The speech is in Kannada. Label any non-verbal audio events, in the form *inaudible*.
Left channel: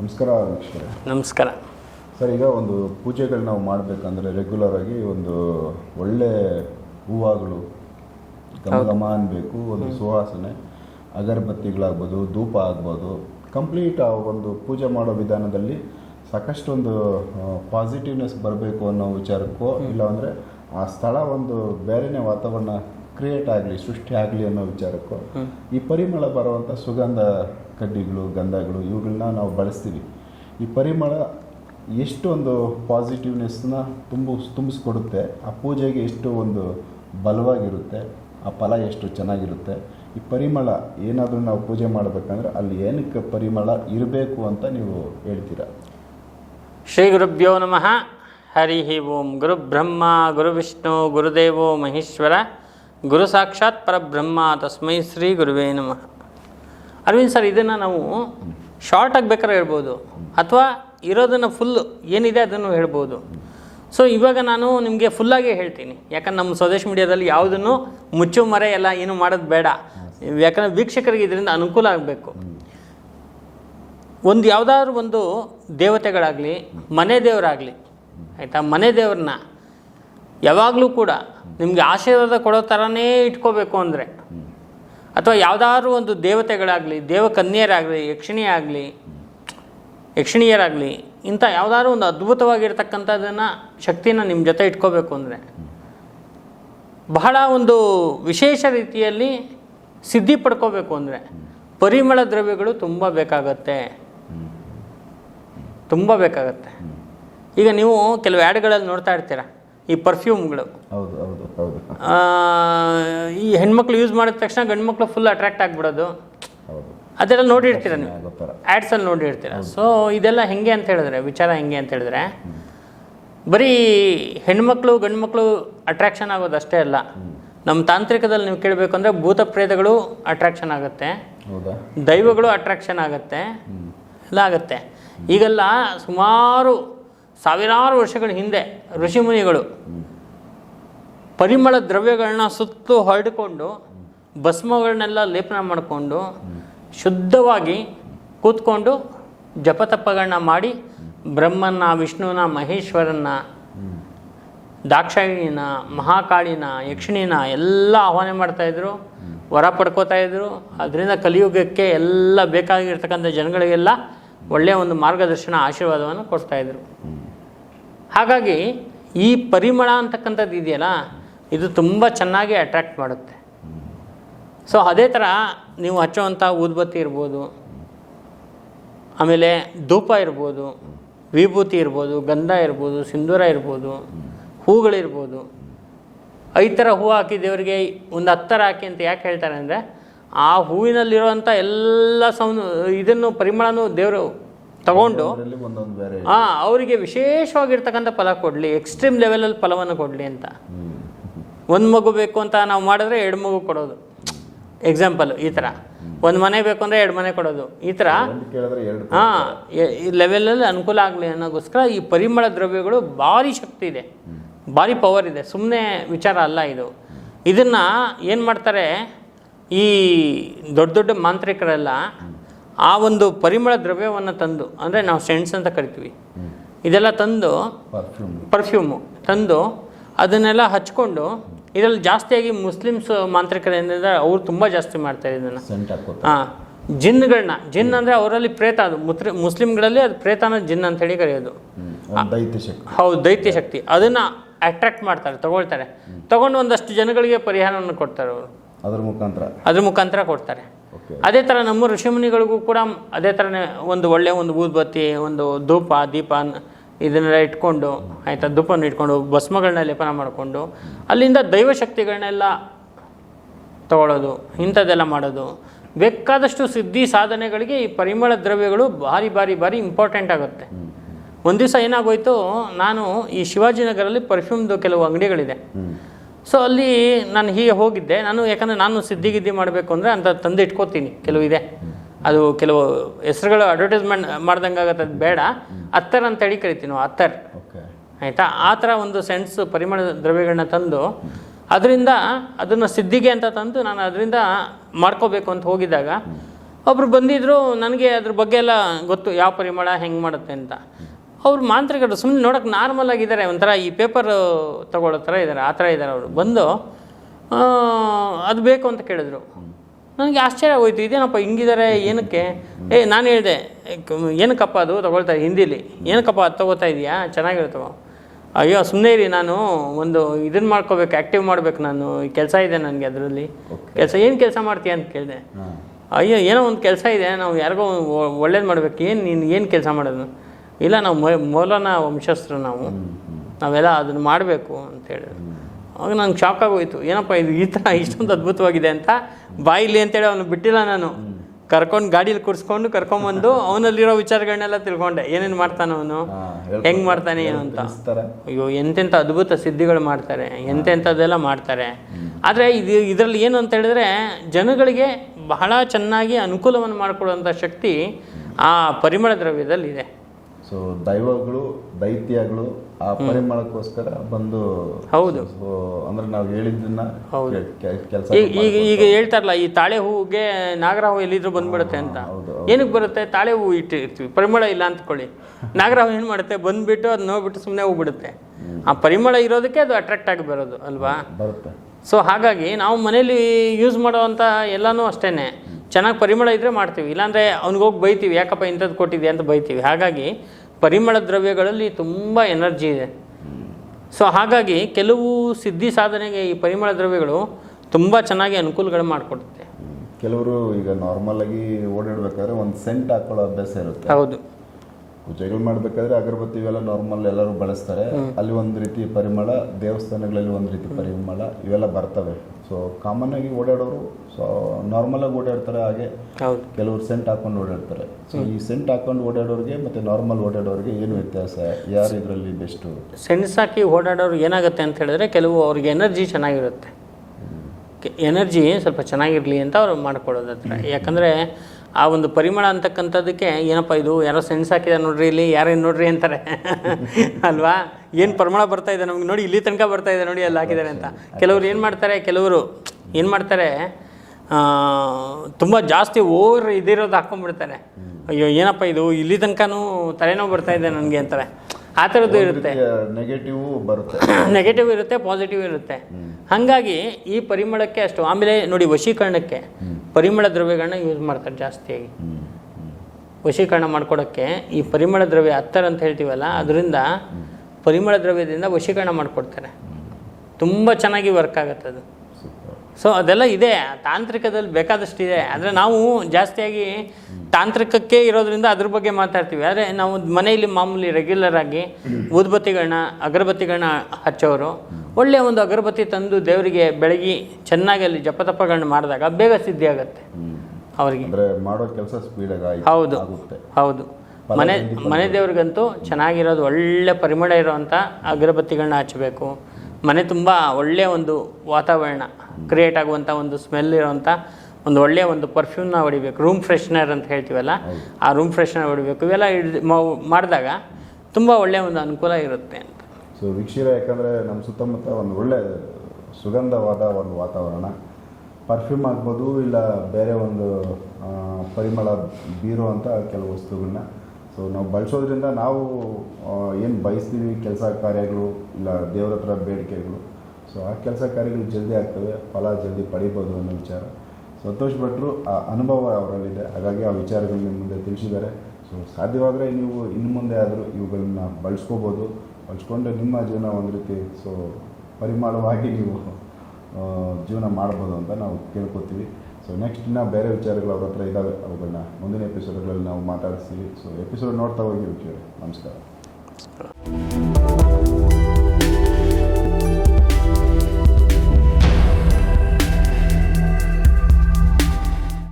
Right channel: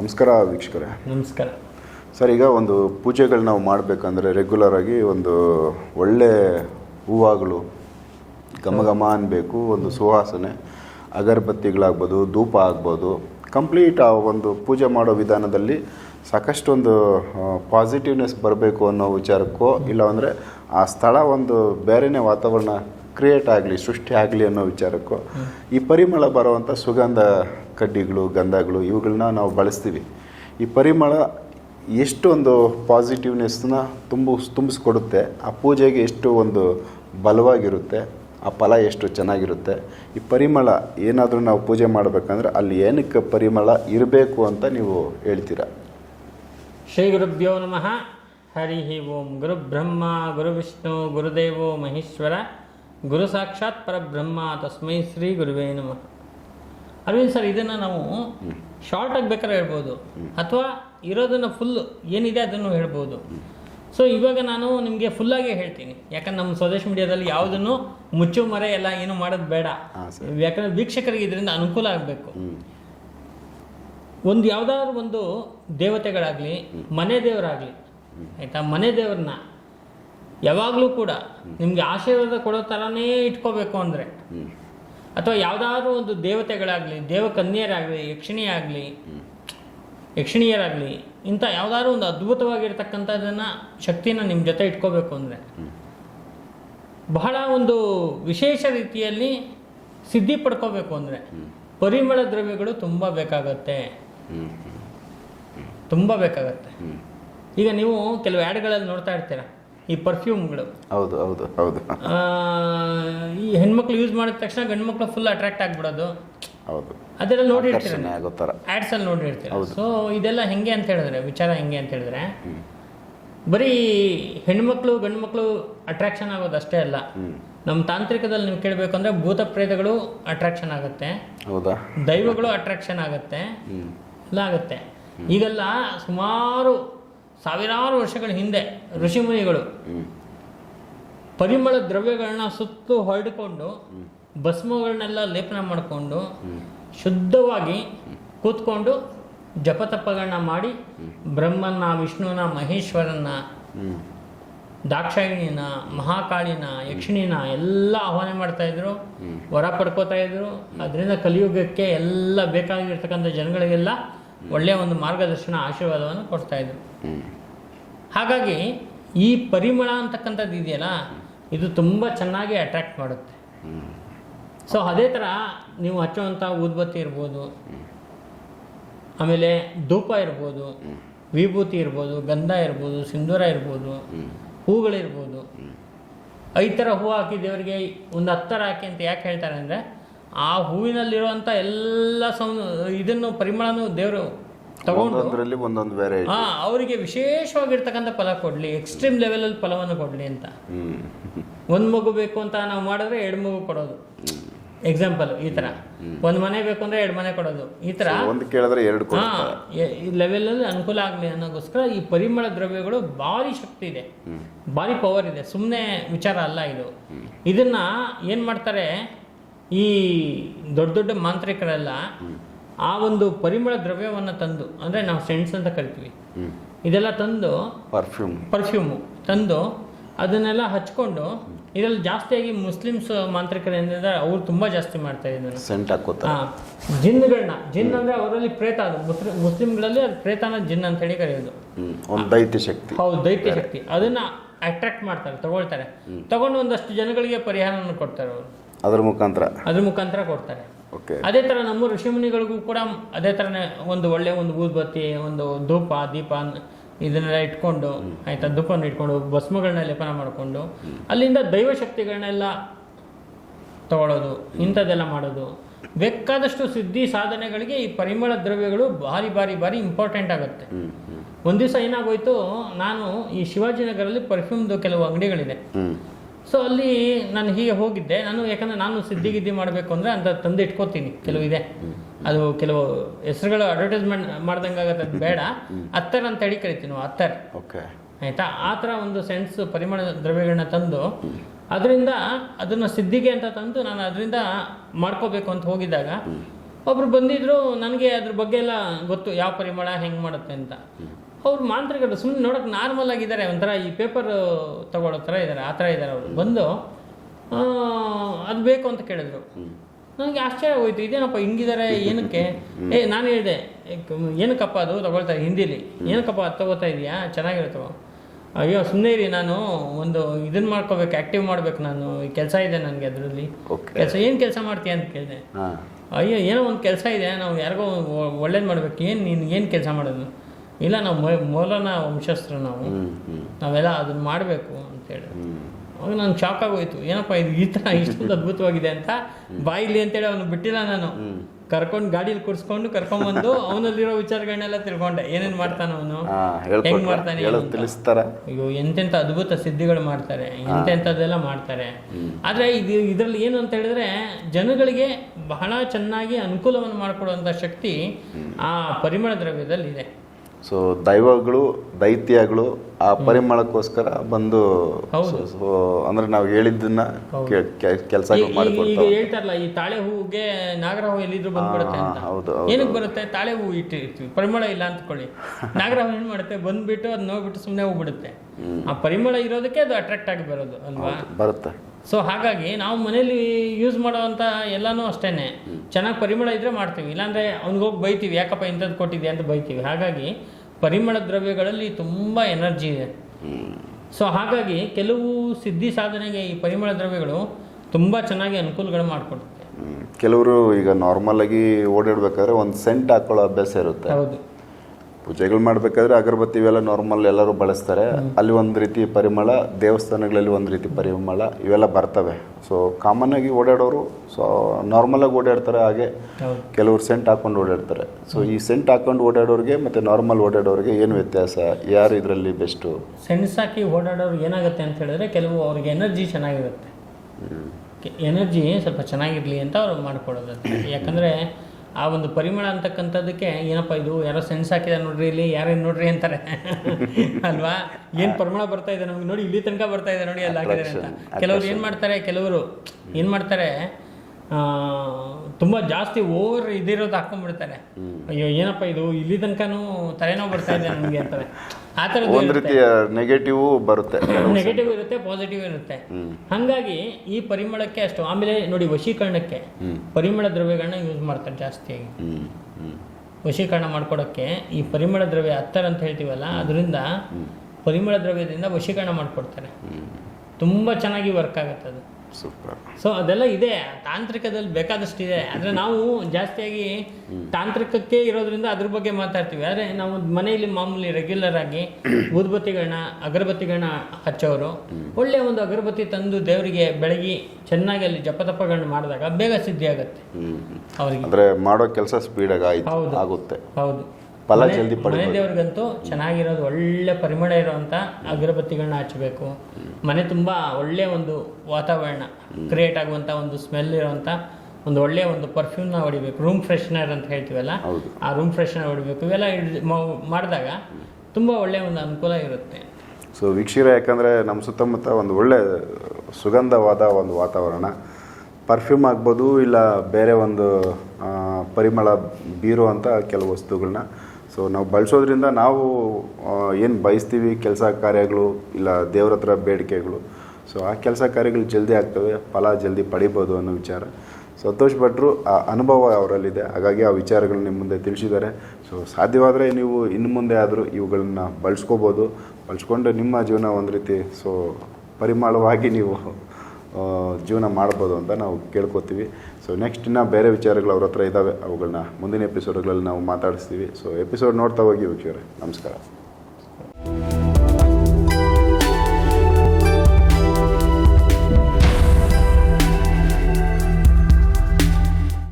ನಮಸ್ಕಾರ ವೀಕ್ಷಕರೇ. ನಮಸ್ಕಾರ. ಸರ್ ಈಗ ಒಂದು ಪೂಜೆಗಳು ನಾವು ಮಾಡಬೇಕಂದ್ರೆ ರೆಗ್ಯುಲರ್ ಆಗಿ ಒಂದು ಒಳ್ಳೆ ಹೂವಾಗಳು ಘಮ ಘಮ ಅನ್ಬೇಕು ಒಂದು ಸುವಾಸನೆ ಅಗರಬತ್ತಿಗಳಾಗ್ಬೋದು ಧೂಪ ಆಗ್ಬೋದು ಕಂಪ್ಲೀಟ್ ಆ ಒಂದು ಪೂಜೆ ಮಾಡೋ ವಿಧಾನದಲ್ಲಿ ಸಾಕಷ್ಟು ಒಂದು ಪಾಸಿಟಿವ್ನೆಸ್ ಬರಬೇಕು ಅನ್ನೋ ವಿಚಾರಕ್ಕೋ ಇಲ್ಲ ಅಂದರೆ ಆ ಸ್ಥಳ ಒಂದು ಬೇರೆನೇ ವಾತಾವರಣ ಕ್ರಿಯೇಟ್ ಆಗಲಿ ಸೃಷ್ಟಿ ಆಗಲಿ ಅನ್ನೋ ವಿಚಾರಕ್ಕೋ ಈ ಪರಿಮಳ ಬರುವಂಥ ಸುಗಂಧ ಕಡ್ಡಿಗಳು, ಗಂಧಗಳು ಇವುಗಳನ್ನ ನಾವು ಬಳಸ್ತೀವಿ. ಈ ಪರಿಮಳ ಎಷ್ಟು ಒಂದು ಪಾಸಿಟಿವ್ನೆಸ್ನ ತುಂಬ, ತುಂಬಿಸ್ಕೊಡುತ್ತೆ, ಆ ಪೂಜೆಗೆ ಎಷ್ಟು ಒಂದು ಬಲವಾಗಿರುತ್ತೆ, ಆ ಫಲ ಎಷ್ಟು ಚೆನ್ನಾಗಿರುತ್ತೆ. ಈ ಪರಿಮಳ ಏನಾದರೂ ನಾವು ಪೂಜೆ ಮಾಡಬೇಕಂದ್ರೆ ಅಲ್ಲಿ ಏನಕ್ಕೆ ಪರಿಮಳ ಇರಬೇಕು ಅಂತ ನೀವು ಹೇಳ್ತೀರಾ? ಶ್ರೀ ಗುರುಭ್ಯೋ ನಮಃ. ಹರಿ ಓಂ. ಗುರು ಬ್ರಹ್ಮ, ಗುರು ವಿಷ್ಣು, ಗುರುದೇವೋ ಮಹೇಶ್ವರ, ಗುರು ಸಾಕ್ಷಾತ್ ಪರಬ್ರಹ್ಮ. ತಸ್ಮೈ ಶ್ರೀ ಗುರುವೇ ನಮಃ. ಅರವಿಂದ್ ಸರ್ ಇದನ್ನು ನಾವು ಶಾರ್ಟ್ ಆಗಿ ಬೇಕಾದ್ರೆ ಹೇಳ್ಬೋದು. ಅಥವಾ ಇರೋದನ್ನು ಫುಲ್ ಏನಿದೆ ಅದನ್ನು ಹೇಳ್ಬೋದು. ಸೊ ಇವಾಗ ನಾನು ನಿಮಗೆ ಫುಲ್ಲಾಗೇ ಹೇಳ್ತೀನಿ. ಯಾಕಂದ್ರೆ ನಮ್ಮ ಸ್ವದೇಶ್ ಮೀಡಿಯಾದಲ್ಲಿ ಯಾವುದನ್ನು ಮುಚ್ಚು ಮರೆ ಎಲ್ಲ ಏನು ಮಾಡೋದು ಬೇಡ. ಯಾಕಂದ್ರೆ ವೀಕ್ಷಕರಿಗೆ ಇದರಿಂದ ಅನುಕೂಲ ಆಗಬೇಕು. ಒಂದು ಯಾವುದಾದ್ರು ಒಂದು ದೇವತೆಗಳಾಗಲಿ ಮನೆ ದೇವರಾಗಲಿ ಆಯಿತಾ? ಮನೆ ದೇವ್ರನ್ನ ಯಾವಾಗಲೂ ಕೂಡ ನಿಮಗೆ ಆಶೀರ್ವಾದ ಕೊಡೋ ಥರನೇ ಇಟ್ಕೋಬೇಕು ಅಂದರೆ. ಅಥವಾ ಯಾವುದಾದ್ರೂ ಒಂದು ದೇವತೆಗಳಾಗಲಿ, ದೇವಕನ್ಯರಾಗಲಿ ಯಕ್ಷಿಣಿ ಆಗಲಿ ಯಕ್ಷಿಣಿಯರಾಗಲಿ, ಇಂಥ ಯಾವುದಾದ್ರೂ ಒಂದು ಅದ್ಭುತವಾಗಿರ್ತಕ್ಕಂಥದ್ದನ್ನು ಶಕ್ತಿನ ನಿಮ್ಮ ಜೊತೆ ಇಟ್ಕೋಬೇಕು ಅಂದರೆ ಬಹಳ ಒಂದು ವಿಶೇಷ ರೀತಿಯಲ್ಲಿ ಸಿದ್ಧಿ ಪಡ್ಕೋಬೇಕು ಅಂದರೆ ಪರಿಮಳ ದ್ರವ್ಯಗಳು ತುಂಬ ಬೇಕಾಗತ್ತೆ. ತುಂಬ ಬೇಕಾಗತ್ತೆ. ಈಗ ನೀವು ಕೆಲವು ಆ್ಯಡ್ಗಳಲ್ಲಿ ನೋಡ್ತಾ ಇರ್ತೀರ? ಈ ಪರ್ಫ್ಯೂಮ್ಗಳು ಹೌದು ಹೌದು ಹೌದು. ಈ ಹೆಣ್ಮಕ್ಳು ಯೂಸ್ ಮಾಡಿದ ತಕ್ಷಣ ಗಂಡು ಮಕ್ಳು ಫುಲ್ ಅಟ್ರಾಕ್ಟ್ ಆಗಿಬಿಡೋದು. ಹೌದು. ಅದೆಲ್ಲ ನೋಡಿರ್ತೀರ ಆ್ಯಡ್ಸಲ್ಲಿ ನೋಡಿರ್ತೀರ ಸೊ ಇದೆಲ್ಲ ಹೆಂಗೆ ಅಂತ ಹೇಳಿದ್ರೆ ವಿಚಾರ ಹೆಂಗೆ ಅಂತ ಹೇಳಿದ್ರೆ ಬರೀ ಹೆಣ್ಮಕ್ಳು ಗಂಡು ಮಕ್ಕಳು ಅಟ್ರಾಕ್ಷನ್ ಆಗೋದು ಅಷ್ಟೇ ಅಲ್ಲ. ನಮ್ಮ ತಾಂತ್ರಿಕದಲ್ಲಿ ನೀವು ಕೇಳಬೇಕು ಅಂದರೆ ಭೂತ ಪ್ರೇತಗಳು ಅಟ್ರಾಕ್ಷನ್ ಆಗುತ್ತೆ. ಹೌದಾ? ದೈವಗಳು ಅಟ್ರಾಕ್ಷನ್ ಆಗುತ್ತೆ. ಎಲ್ಲ ಆಗುತ್ತೆ. ಈಗೆಲ್ಲ ಸುಮಾರು ಸಾವಿರಾರು ವರ್ಷಗಳ ಹಿಂದೆ ಋಷಿಮುನಿಗಳು ಪರಿಮಳ ದ್ರವ್ಯಗಳನ್ನ ಸುತ್ತು ಹರಡಿಕೊಂಡು ಭಸ್ಮಗಳನ್ನೆಲ್ಲ ಲೇಪನ ಮಾಡಿಕೊಂಡು ಶುದ್ಧವಾಗಿ ಕೂತ್ಕೊಂಡು ಜಪತಪಗಳನ್ನ ಮಾಡಿ ಬ್ರಹ್ಮನ ವಿಷ್ಣುನ ಮಹೇಶ್ವರನ್ನ ದಾಕ್ಷಾಯಿಣಿನ ಮಹಾಕಾಳಿನ ಯಕ್ಷಿಣಿನ ಎಲ್ಲ ಆಹ್ವಾನ ಮಾಡ್ತಾ ಇದ್ರು, ವರ ಪಡ್ಕೋತಾ ಇದ್ರು. ಅದರಿಂದ ಕಲಿಯುಗಕ್ಕೆ ಎಲ್ಲ ಬೇಕಾಗಿರ್ತಕ್ಕಂಥ ಜನಗಳಿಗೆಲ್ಲ ಒಳ್ಳೆಯ ಒಂದು ಮಾರ್ಗದರ್ಶನ ಆಶೀರ್ವಾದವನ್ನು ಕೊಡ್ತಾ ಇದ್ರು. ಹಾಗಾಗಿ ಈ ಪರಿಮಳ ಅಂತಕ್ಕಂಥದ್ದು ಇದೆಯಲ್ಲ ಇದು ತುಂಬ ಚೆನ್ನಾಗಿ ಅಟ್ರ್ಯಾಕ್ಟ್ ಮಾಡುತ್ತೆ. ಸೊ ಅದೇ ಥರ ನೀವು ಹಚ್ಚುವಂಥ ಊದ್ಬತ್ತಿ ಇರ್ಬೋದು ಆಮೇಲೆ ಧೂಪ ಇರ್ಬೋದು ವಿಭೂತಿ ಇರ್ಬೋದು ಗಂಧ ಇರ್ಬೋದು ಸಿಂಧೂರ ಇರ್ಬೋದು ಹೂಗಳಿರ್ಬೋದು. ಐದು ಥರ ಹೂ ಹಾಕಿ ದೇವರಿಗೆ ಒಂದು ಹತ್ತರ ಹಾಕಿ ಅಂತ ಯಾಕೆ ಹೇಳ್ತಾರೆ ಅಂದರೆ ಆ ಹೂವಿನಲ್ಲಿರುವಂಥ ಎಲ್ಲ ಸೌಂದ್ ಇದನ್ನು ಪರಿಮಳನೂ ದೇವರು ತಗೊಂಡು ಒಂದೊಂದು ಬೇರೆ ಹಾ ಅವರಿಗೆ ವಿಶೇಷವಾಗಿರ್ತಕ್ಕಂಥ ಫಲ ಕೊಡಲಿ ಎಕ್ಸ್ಟ್ರೀಮ್ ಲೆವೆಲಲ್ಲಿ ಫಲವನ್ನು ಕೊಡಲಿ ಅಂತ. ಒಂದು ಮಗು ಬೇಕು ಅಂತ ನಾವು ಮಾಡಿದ್ರೆ ಎರಡು ಮಗು ಕೊಡೋದು. ಎಕ್ಸಾಂಪಲ್ ಈ ಥರ ಒಂದು ಮನೆ ಬೇಕು ಅಂದರೆ ಎರಡು ಮನೆ ಕೊಡೋದು. ಈ ಥರ ಒಂದು ಕೇಳಿದ್ರೆ ಎರಡು ಹಾ ಈ ಲೆವೆಲಲ್ಲಿ ಅನುಕೂಲ ಆಗಲಿ ಅನ್ನೋಗೋಸ್ಕರ ಈ ಪರಿಮಳ ದ್ರವ್ಯಗಳು ಭಾರಿ ಶಕ್ತಿ ಇದೆ. ಭಾರಿ ಪವರ್ ಇದೆ. ಸುಮ್ಮನೆ ವಿಚಾರ ಅಲ್ಲ ಇದು. ಇದನ್ನ ಏನು ಮಾಡ್ತಾರೆ ಈ ದೊಡ್ಡ ದೊಡ್ಡ ಮಾಂತ್ರಿಕರೆಲ್ಲ ಆ ಒಂದು ಪರಿಮಳ ದ್ರವ್ಯವನ್ನು ತಂದು ಅಂದರೆ ನಾವು ಸೆಂಟ್ಸ್ ಅಂತ ಕರಿತೀವಿ ಇದೆಲ್ಲ ತಂದು ಪರ್ಫ್ಯೂಮ್ ಪರ್ಫ್ಯೂಮು ತಂದು ಅದನ್ನೆಲ್ಲ ಹಚ್ಕೊಂಡು ಇದರಲ್ಲಿ ಜಾಸ್ತಿಯಾಗಿ ಮುಸ್ಲಿಮ್ಸ್ ಮಾಂತ್ರಿಕರು ಏನಂದರೆ ಅವ್ರು ತುಂಬ ಜಾಸ್ತಿ ಮಾಡ್ತಾರೆ ಇದನ್ನು. ಸೆಂಟ್ ಹಾಕೋತ ಹಾಂ ಜಿನ್ಗಳನ್ನ ಜಿನ್ ಅಂದರೆ ಅವರಲ್ಲಿ ಪ್ರೇತ ಅದು ಮುಸ್ಲಿ ಮುಸ್ಲಿಮ್ಗಳಲ್ಲಿ ಅದು ಪ್ರೇತನ ಜಿನ್ ಅಂತ ಹೇಳಿ ಕರೆಯೋದು. ದೈತ್ಯ ಶಕ್ತಿ. ಹೌದು ದೈತ್ಯ ಶಕ್ತಿ. ಅದನ್ನು ಅಟ್ರಾಕ್ಟ್ ಮಾಡ್ತಾರೆ ತಗೊಳ್ತಾರೆ. ತಗೊಂಡು ಒಂದಷ್ಟು ಜನಗಳಿಗೆ ಪರಿಹಾರವನ್ನು ಕೊಡ್ತಾರೆ ಅವರು. ಅದ್ರ ಮುಖಾಂತರ. ಅದ್ರ ಮುಖಾಂತರ ಕೊಡ್ತಾರೆ. ಅದೇ ಥರ ನಮ್ಮ ಋಷಿಮುನಿಗಳಿಗೂ ಕೂಡ ಅದೇ ಥರನೇ ಒಂದು ಒಳ್ಳೆ ಒಂದು ಊದ್ಬತ್ತಿ ಒಂದು ಧೂಪ ದೀಪ ಇದನ್ನೆಲ್ಲ ಇಟ್ಕೊಂಡು ಆಯಿತಾ ಧೂಪವನ್ನು ಇಟ್ಕೊಂಡು ಭಸ್ಮಗಳನ್ನ ಲೇಪನ ಮಾಡಿಕೊಂಡು ಅಲ್ಲಿಂದ ದೈವಶಕ್ತಿಗಳನ್ನೆಲ್ಲ ತಗೊಳ್ಳೋದು ಇಂಥದ್ದೆಲ್ಲ ಮಾಡೋದು. ಬೇಕಾದಷ್ಟು ಸಿದ್ಧಿ ಸಾಧನೆಗಳಿಗೆ ಈ ಪರಿಮಳ ದ್ರವ್ಯಗಳು ಭಾರಿ ಭಾರಿ ಭಾರಿ ಇಂಪಾರ್ಟೆಂಟ್ ಆಗುತ್ತೆ. ಒಂದು ದಿವಸ ಏನಾಗೋಯ್ತು ನಾನು ಈ ಶಿವಾಜಿನಗರಲ್ಲಿ ಪರ್ಫ್ಯೂಮ್ದು ಕೆಲವು ಅಂಗಡಿಗಳಿದೆ. ಸೊ ಅಲ್ಲಿ ನಾನು ಹೀಗೆ ಹೋಗಿದ್ದೆ. ನಾನು ಯಾಕಂದರೆ ನಾನು ಸಿದ್ಧಿಗಿದ್ದಿ ಮಾಡಬೇಕು ಅಂದರೆ ಅಂತ ತಂದು ಇಟ್ಕೋತೀನಿ. ಕೆಲವು ಇದೆ. ಅದು ಕೆಲವು ಹೆಸರುಗಳು ಅಡ್ವರ್ಟೈಸ್ಮೆಂಟ್ ಮಾಡ್ದಂಗೆ ಆಗುತ್ತೆ ಅದು ಬೇಡ. ಅತ್ತರ್ ಅಂತ ಹೇಳಿ ಕರಿತೀವಿ ನಾವು ಅತ್ತರ್. ಓಕೆ ಆಯಿತಾ? ಆ ಥರ ಒಂದು ಸೆನ್ಸ್ ಪರಿಮಳ ದ್ರವ್ಯಗಳನ್ನ ತಂದು ಅದರಿಂದ ಅದನ್ನು ಸಿದ್ಧಿಗೆ ಅಂತ ತಂದು ನಾನು ಅದರಿಂದ ಮಾಡ್ಕೋಬೇಕು ಅಂತ ಹೋಗಿದ್ದಾಗ ಒಬ್ರು ಬಂದಿದ್ರು ನನಗೆ ಅದ್ರ ಬಗ್ಗೆ ಎಲ್ಲ ಗೊತ್ತು. ಯಾವ ಪರಿಮಳ ಹೆಂಗೆ ಮಾಡುತ್ತೆ? ಅಂತ. ಅವ್ರು ಮಾಂತ್ರಿಕರು ಸುಮ್ಮನೆ ನೋಡಕ್ಕೆ ನಾರ್ಮಲ್ ಆಗಿದ್ದಾರೆ ಒಂಥರ ಈ ಪೇಪರ್ ತಗೊಳ್ಳೋ ಥರ ಇದ್ದಾರೆ ಆ ಥರ ಇದ್ದಾರೆ ಅವರು. ಬಂದು ಅದು ಬೇಕು ಅಂತ ಕೇಳಿದ್ರು. ನನಗೆ ಆಶ್ಚರ್ಯ ಹೋಯ್ತು ಇದೇನಪ್ಪ ಹಿಂಗಿದ್ದಾರೆ ಏನಕ್ಕೆ? ಏ ನಾನು ಹೇಳಿದೆ ಏನಕ್ಕಪ್ಪ ಅದು ತಗೊಳ್ತಾರೆ ಹಿಂದಿಲಿ? ಏನಕ್ಕಪ್ಪ ಅದು ತಗೋತಾ ಇದೆಯಾ ಚೆನ್ನಾಗಿರುತ್ತವ. ಅಯ್ಯೋ ಸುಮ್ಮನೆ ಇರಿ ನಾನು ಒಂದು ಇದನ್ನ ಮಾಡ್ಕೋಬೇಕು ಆ್ಯಕ್ಟಿವ್ ಮಾಡ್ಬೇಕು ನಾನು ಕೆಲಸ ಇದೆ ನನಗೆ ಅದರಲ್ಲಿ. ಓಕೆ ಕೆಲಸ ಏನು ಕೆಲಸ ಮಾಡ್ತೀಯ ಅಂತ ಕೇಳಿದೆ. ಅಯ್ಯೋ ಏನೋ ಒಂದು ಕೆಲಸ ಇದೆ ನಾವು ಯಾರಿಗೋ ಒಳ್ಳೇದು ಮಾಡ್ಬೇಕು ಏನು ನೀನು ಏನು ಕೆಲಸ ಮಾಡೋದು? ಇಲ್ಲ ನಾವು ಮೂಲನ ವಂಶಸ್ಥರು ನಾವು. ನಾವೆಲ್ಲ ಅದನ್ನು ಮಾಡಬೇಕು ಅಂತ ಅವಾಗ ನಂಗೆ ಶಾಕ್ ಆಗೋಯ್ತು. ಏನಪ್ಪ ಇದು ಈ ಥರ ಇಷ್ಟೊಂದು ಅದ್ಭುತವಾಗಿದೆ ಅಂತ. ಬಾಯಿಲಿ ಅಂತೇಳಿ ಅವನು ಬಿಟ್ಟಿಲ್ಲ ನಾನು. ಕರ್ಕೊಂಡು ಗಾಡೀಲಿ ಕೂರಿಸ್ಕೊಂಡು ಕರ್ಕೊಂಡ್ಬಂದು ಅವನಲ್ಲಿರೋ ವಿಚಾರಗಳನ್ನೆಲ್ಲ ತಿಳ್ಕೊಂಡೆ. ಏನೇನು ಮಾಡ್ತಾನೆ ಅವನು? ಹೆಂಗೆ ಮಾಡ್ತಾನೆ ಏನು ಅಂತ ಅಯ್ಯೋ ಎಂತೆಂಥ ಅದ್ಭುತ ಸಿದ್ಧಿಗಳು ಮಾಡ್ತಾರೆ. ಎಂತೆಂಥದ್ದೆಲ್ಲ ಮಾಡ್ತಾರೆ. ಆದರೆ ಇದು ಇದರಲ್ಲಿ ಏನು ಅಂತ ಹೇಳಿದ್ರೆ ಜನಗಳಿಗೆ ಬಹಳ ಚೆನ್ನಾಗಿ ಅನುಕೂಲವನ್ನು ಮಾಡಿಕೊಡುವಂಥ ಶಕ್ತಿ ಆ ಪರಿಮಳ ದ್ರವ್ಯದಲ್ಲಿ ಇದೆ ಸೊ ದೈವಗಳು ದೈತ್ಯಗಳು ಆ ಪರಿಮಳಕ್ಕೋಸ್ಕರ ಬಂದು ಹೌದು. ಸೊ ಅಂದ್ರೆ ನಾವು ಹೇಳಿದ್ದನ್ನ ಕೆಲಸ ಈಗ ಹೇಳ್ತಾರಲ್ಲ ಈ ತಾಳೆ ಹೂವಿಗೆ ನಾಗರ ಹೂವು ಎಲ್ಲಿದ್ರು ಬಂದ್ಬಿಡುತ್ತೆ ಅಂತ. ಹೌದು ಏನಕ್ಕೆ ಬರುತ್ತೆ? ತಾಳೆ ಹೂವು ಇಟ್ಟಿರ್ತೀವಿ ಪರಿಮಳ ಇಲ್ಲ ಅಂತಕೊಳ್ಳಿ. ನಾಗರ ಹೂವು ಏನು ಮಾಡುತ್ತೆ? ಬಂದ್ಬಿಟ್ಟು ಅದು ನೋಡ್ಬಿಟ್ಟು ಸುಮ್ಮನೆ ಹೋಗ್ಬಿಡುತ್ತೆ. ಆ ಪರಿಮಳ ಇರೋದಕ್ಕೆ ಅದು ಅಟ್ರಾಕ್ಟ್ ಆಗಿ ಬರೋದು ಅಲ್ವಾ? ಬರುತ್ತೆ. ಸೊ ಹಾಗಾಗಿ ನಾವು ಮನೇಲಿ ಯೂಸ್ ಮಾಡೋವಂಥ ಎಲ್ಲನೂ ಅಷ್ಟೇ ಚೆನ್ನಾಗಿ ಪರಿಮಳ ಇದ್ದರೆ ಮಾಡ್ತೀವಿ. ಇಲ್ಲಾಂದರೆ ಅವ್ನಿಗೋಗಿ ಬೈತೀವಿ. ಯಾಕಪ್ಪ ಇಂಥದ್ದು ಕೊಟ್ಟಿದೆ ಅಂತ ಬೈತೀವಿ. ಹಾಗಾಗಿ ಪರಿಮಳ ದ್ರವ್ಯಗಳಲ್ಲಿ ತುಂಬ ಎನರ್ಜಿ ಇದೆ. ಸೊ ಹಾಗಾಗಿ ಕೆಲವು ಸಿದ್ಧಿ ಸಾಧನೆಗೆ ಈ ಪರಿಮಳ ದ್ರವ್ಯಗಳು ತುಂಬ ಚೆನ್ನಾಗಿ ಅನುಕೂಲಗಳು ಮಾಡಿಕೊಡುತ್ತೆ. ಕೆಲವರು ಈಗ ನಾರ್ಮಲ್ ಆಗಿ ಓಡಾಡ್ಬೇಕಾದ್ರೆ ಒಂದು ಸೆಂಟ್ ಹಾಕೊಳ್ಳೋ ಅಭ್ಯಾಸ ಇರುತ್ತೆ. ಹೌದು. ಪೂಜೆಗಳು ಮಾಡಬೇಕಾದ್ರೆ ಅಗರಬತ್ತಿ ಇವೆಲ್ಲ ನಾರ್ಮಲ್ ಎಲ್ಲರೂ ಬಳಸ್ತಾರೆ. ಅಲ್ಲಿ ಒಂದು ರೀತಿ ಪರಿಮಳ ದೇವಸ್ಥಾನಗಳಲ್ಲಿ ಒಂದು ರೀತಿ ಪರಿಮಳ ಇವೆಲ್ಲ ಬರ್ತವೆ. ಸೊ ಕಾಮನ್ ಆಗಿ ಓಡಾಡೋರು ಸೊ ನಾರ್ಮಲ್ ಆಗಿ ಓಡಾಡ್ತಾರೆ ಹಾಗೆ ಕೆಲವರು ಸೆಂಟ್ ಹಾಕೊಂಡು ಓಡಾಡ್ತಾರೆ. ಸೊ ಈ ಸೆಂಟ್ ಹಾಕೊಂಡು ಓಡಾಡೋರಿಗೆ ಮತ್ತೆ ನಾರ್ಮಲ್ ಓಡಾಡೋರಿಗೆ ಏನು ವ್ಯತ್ಯಾಸ? ಯಾರು ಇದರಲ್ಲಿ ಬೆಸ್ಟು ಸೆನ್ಸ್ ಹಾಕಿ ಓಡಾಡೋರು ಏನಾಗುತ್ತೆ ಅಂತ ಹೇಳಿದ್ರೆ ಕೆಲವು ಅವ್ರಿಗೆ ಎನರ್ಜಿ ಚೆನ್ನಾಗಿರುತ್ತೆ. ಎನರ್ಜಿ ಸ್ವಲ್ಪ ಚೆನ್ನಾಗಿರಲಿ ಅಂತ ಅವ್ರು ಮಾಡ್ಕೊಳ್ಳೋದು ಯಾಕಂದರೆ ಆ ಒಂದು ಪರಿಮಳ ಅಂತಕ್ಕಂಥದ್ದಕ್ಕೆ ಏನಪ್ಪ ಇದು ಯಾರೋ ಸೆನ್ಸ್ ಹಾಕಿದ್ದಾರೆ ನೋಡ್ರಿ ಇಲ್ಲಿ ಯಾರೇನು ನೋಡ್ರಿ ಅಂತಾರೆ. *laughs* ಅಲ್ವಾ? ಏನು ಪರಿಮಳ ಬರ್ತಾ ಇದೆ ನಮ್ಗೆ ನೋಡಿ ಇಲ್ಲಿ ತನಕ ಬರ್ತಾ ಇದೆ ನೋಡಿ ಅಲ್ಲಿ ಹಾಕಿದ್ದಾರೆ ಅಂತ. ಕೆಲವರು ಏನು ಮಾಡ್ತಾರೆ ಕೆಲವರು ಏನು ಮಾಡ್ತಾರೆ ತುಂಬ ಜಾಸ್ತಿ ಓವರ್ ಇದಿರೋದು ಹಾಕೊಂಡ್ಬಿಡ್ತಾರೆ. ಅಯ್ಯೋ ಏನಪ್ಪ ಇದು ಇಲ್ಲಿ ತನಕನೂ ತಲೆನೋವು ಬರ್ತಾ ಇದೆ ನನಗೆ ಅಂತಾರೆ. ಆ ಥರದ್ದು ಒಂದು ಇರುತ್ತೆ. ರೀತಿಯ ನೆಗೆಟಿವ್ ಬರುತ್ತೆ. *coughs* ನೆಗೆಟಿವ್ ಇರುತ್ತೆ ಪಾಸಿಟಿವ್ ಇರುತ್ತೆ. ಹಾಗಾಗಿ ಈ ಪರಿಮಳಕ್ಕೆ ಅಷ್ಟು ಆಮೇಲೆ ನೋಡಿ ವಶೀಕರಣಕ್ಕೆ ಪರಿಮಳ ದ್ರವ್ಯಗಳನ್ನ ಯೂಸ್ ಮಾಡ್ತಾರೆ ಜಾಸ್ತಿಯಾಗಿ ವಶೀಕರಣ ಮಾಡ್ಕೊಡೋಕ್ಕೆ ಈ ಪರಿಮಳ ದ್ರವ್ಯ ಹತ್ತರ ಅಂತ ಹೇಳ್ತೀವಲ್ಲ ಅದರಿಂದ ಪರಿಮಳ ದ್ರವ್ಯದಿಂದ ವಶೀಕರಣ ಮಾಡ್ಕೊಡ್ತಾರೆ. ತುಂಬ ಚೆನ್ನಾಗಿ ವರ್ಕ್ ಆಗುತ್ತೆ ಅದು ಸೂಪರ್ ಸೊ ಅದೆಲ್ಲ ಇದೆ. ತಾಂತ್ರಿಕದಲ್ಲಿ ಬೇಕಾದಷ್ಟು ಇದೆ ಆದರೆ ನಾವು ಜಾಸ್ತಿಯಾಗಿ ತಾಂತ್ರಿಕಕ್ಕೆ ಇರೋದ್ರಿಂದ ಅದ್ರ ಬಗ್ಗೆ ಮಾತಾಡ್ತೀವಿ. ಆದರೆ ನಾವು ಮನೆಯಲ್ಲಿ ಮಾಮೂಲಿ ರೆಗ್ಯುಲರ್ ಆಗಿ ಊದ್ಬತ್ತಿಗಳನ್ನ ಅಗರಬತ್ತಿಗಳನ್ನ ಹಚ್ಚೋರು ಒಳ್ಳೆಯ ಒಂದು ಅಗರಬತ್ತಿ ತಂದು ದೇವರಿಗೆ ಬೆಳಗಿ ಚೆನ್ನಾಗಿ ಅಲ್ಲಿ ಜಪತಪಗಳನ್ನ ಮಾಡಿದಾಗ ಬೇಗ ಸಿದ್ಧಿ ಆಗುತ್ತೆ. ಅವರಿಗೆ. ಅಂದ್ರೆ ಮಾಡೋ ಕೆಲಸ ಸ್ಪೀಡಾಗಿ ಹೌದು. ಆಗುತ್ತೆ. ಹೌದು. ಮನೆ ಮನೆ ದೇವ್ರಿಗಂತೂ ಚೆನ್ನಾಗಿರೋದು ಒಳ್ಳೆ ಪರಿಮಳ ಇರೋವಂಥ ಅಗರಬತ್ತಿಗಳನ್ನ ಹಚ್ಚಬೇಕು. ಮನೆ ತುಂಬ ಒಳ್ಳೆಯ ಒಂದು ವಾತಾವರಣ ಕ್ರಿಯೇಟ್ ಆಗುವಂಥ ಒಂದು ಸ್ಮೆಲ್ ಇರುವಂಥ ಒಂದು ಒಳ್ಳೆಯ ಒಂದು ಪರ್ಫ್ಯೂಮ್ನ ಹೊಡಿಬೇಕು. ರೂಮ್ ಫ್ರೆಶ್ನರ್ ಅಂತ ಹೇಳ್ತೀವಲ್ಲ ಆ ರೂಮ್ ಫ್ರೆಶ್ನರ್ ಹೊಡಿಬೇಕು. ಇವೆಲ್ಲ ಹಿಡ್ದು ಮಾಡಿದಾಗ ತುಂಬ ಒಳ್ಳೆಯ ಒಂದು ಅನುಕೂಲ ಇರುತ್ತೆ. ಸೊ ವೀಕ್ಷಿರ ಯಾಕಂದರೆ ನಮ್ಮ ಸುತ್ತಮುತ್ತ ಒಂದು ಒಳ್ಳೆ ಸುಗಂಧವಾದ ಒಂದು ವಾತಾವರಣ. ಪರ್ಫ್ಯೂಮ್ ಆಗ್ಬೋದು ಇಲ್ಲ ಬೇರೆ ಒಂದು ಪರಿಮಳ ಬೀರುವಂಥ ಕೆಲವು ವಸ್ತುಗಳನ್ನ ಸೊ ನಾವು ಬಳಸೋದ್ರಿಂದ ನಾವು ಏನು ಬಯಸ್ತೀವಿ ಕೆಲಸ ಕಾರ್ಯಗಳು ಇಲ್ಲ ದೇವ್ರ ಹತ್ರ ಬೇಡಿಕೆಗಳು. ಸೊ ಆ ಕೆಲಸ ಕಾರ್ಯಗಳು ಜಲ್ದಿ ಆಗ್ತವೆ, ಫಲ ಜಲ್ದಿ ಪಡಿಬೋದು ಅನ್ನೋ ವಿಚಾರ. ಸಂತೋಷ್ ಭಟ್ರು, ಆ ಅನುಭವ ಅವರಲ್ಲಿದೆ. ಹಾಗಾಗಿ ಆ ವಿಚಾರಗಳನ್ನ ನಿಮ್ಮ ಮುಂದೆ ತಿಳಿಸಿದ್ದಾರೆ. ಸೊ ಸಾಧ್ಯವಾದರೆ ನೀವು ಇನ್ನು ಮುಂದೆ ಆದರೂ ಇವುಗಳನ್ನ ಬಳಸ್ಕೋಬೋದು. ಬಳಸ್ಕೊಂಡು ನಿಮ್ಮ ಜೀವನ ಒಂದು ರೀತಿ ಸೊ ಪರಿಮಳವಾಗಿ ನೀವು ಜೀವನ ಮಾಡ್ಬೋದು ಅಂತ ನಾವು ಕೇಳ್ಕೊತೀವಿ. ಸೊ ನೆಕ್ಸ್ಟ್ ಇನ್ನು ಬೇರೆ ವಿಚಾರಗಳು ಅವ್ರ ಹತ್ರ ಇದ್ದಾವೆ ಅವುಗಳನ್ನ ಮುಂದಿನ ಎಪಿಸೋಡ್ಗಳಲ್ಲಿ ನಾವು ಮಾತಾಡಿಸ್ತೀವಿ. ಸೊ ಎಪಿಸೋಡ್ ನೋಡ್ತಾ ಹೋಗಿ ವೀಕ್ಷಕರೇ. ನಮಸ್ಕಾರ.